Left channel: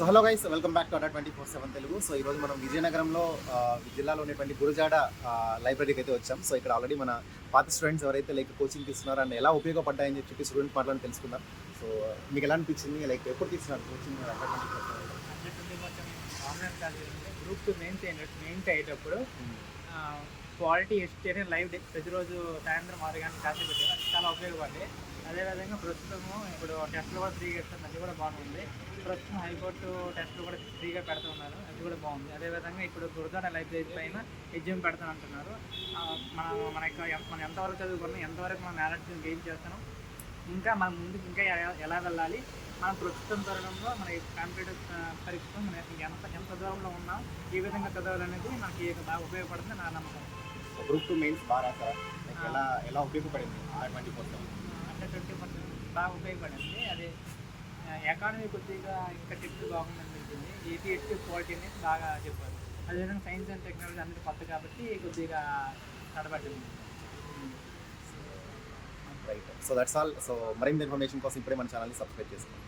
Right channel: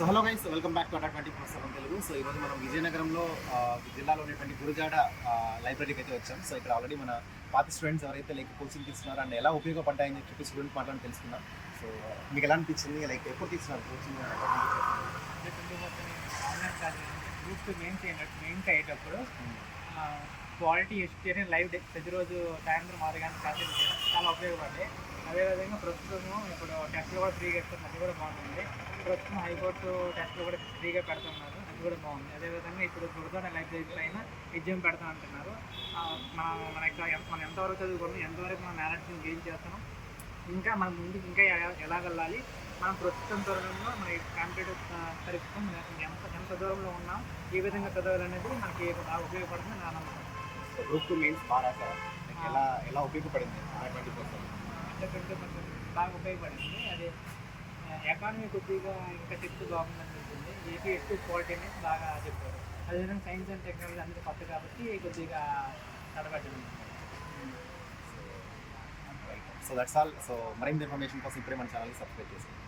So hello guys, welcome back to అడా 24/7 Telugu. So ఈరోజు మనం విజయనగరంలో జిల్లాలో ఉన్నటువంటి గురజాడ లైబ్రరీకి అయితే వచ్చాం. సో ఇక్కడ ఆల్రెడీ మన పాత స్టూడెంట్స్ ఎవరైతే లైక్ కోచింగ్ తీసుకున్నారో అండ్ ఎలా ఉపయోగపడ్డాయని చెప్పి స్టూడెంట్ మాట్లాడి తెలుసుకుందాం. సో మీకు ఎలా అనిపించింది, లైక్ ఎప్పుడు తీసుకున్నారు coaching? Online class group mains అయ్యేటప్పుడు క్వాలిటీ ఎడ్యుకేషన్ లైవ్ ప్రతిరోజు సాయంత్రం 6 గంటల క్లాసులు చాలా ఉపయోగపడింది. అదేవిధంగా ప్రస్తుతము ఇప్పుడు టెస్ట్లు కూడా ఫ్రీగా ఇస్తారు, అది కూడా బాగుంటుంది. ప్రస్తుతం హైకోర్టు టెస్ట్లు కూడా ఫ్రీగా పెడతా ఉన్నారు, అది కూడా బాగుంది. అదేవిధంగా ఇప్పుడు గురుదార లైబ్రరీ పైన ఎగ్జామ్ పెడతా అంటున్నారు. మనం ఎంతవరకు చదువుకున్నాం, ఎంతవరకు మనం నాలెడ్జ్ని గెయిన్ చేస్తున్నాం, ఇంకా మన ముందుకు ఇంకా ఎలా వెళ్ళాలి, మనం ప్రస్తుతం తరుణంలో మన కాంపిటేటివ్ పరీక్ష ఎంత దూరంలో ఉన్నాం, ఏ విధంగా చదవాలనేది మనకి ఉపయోగపడుతుంది నా నమ్మకం. సో గ్రూప్ 2 మెయిన్స్ బాగా రాసారా? లైక్ ఎలా ఉపయోగపడింది? 20% బాగా ఉపయోగపడింది. అదే ఎకానమీ కొద్దిగా ఇంకా టిప్స్ బాగుందని అనిపించింది. ఏపీఎస్సీ క్వాలిటీ అనేది బాగా చెప్తారు. అదేవిధంగా సైన్స్ అండ్ టెక్నాలజీ అందరూ కొత్త కాబట్టి కొద్దిగా కడబడింది. Right. So that's all. So మరింత ఇన్ఫర్మేషన్ కోసం ఇప్పుడే మన ఛానల్ని సబ్స్క్రైబ్ చేసుకోండి.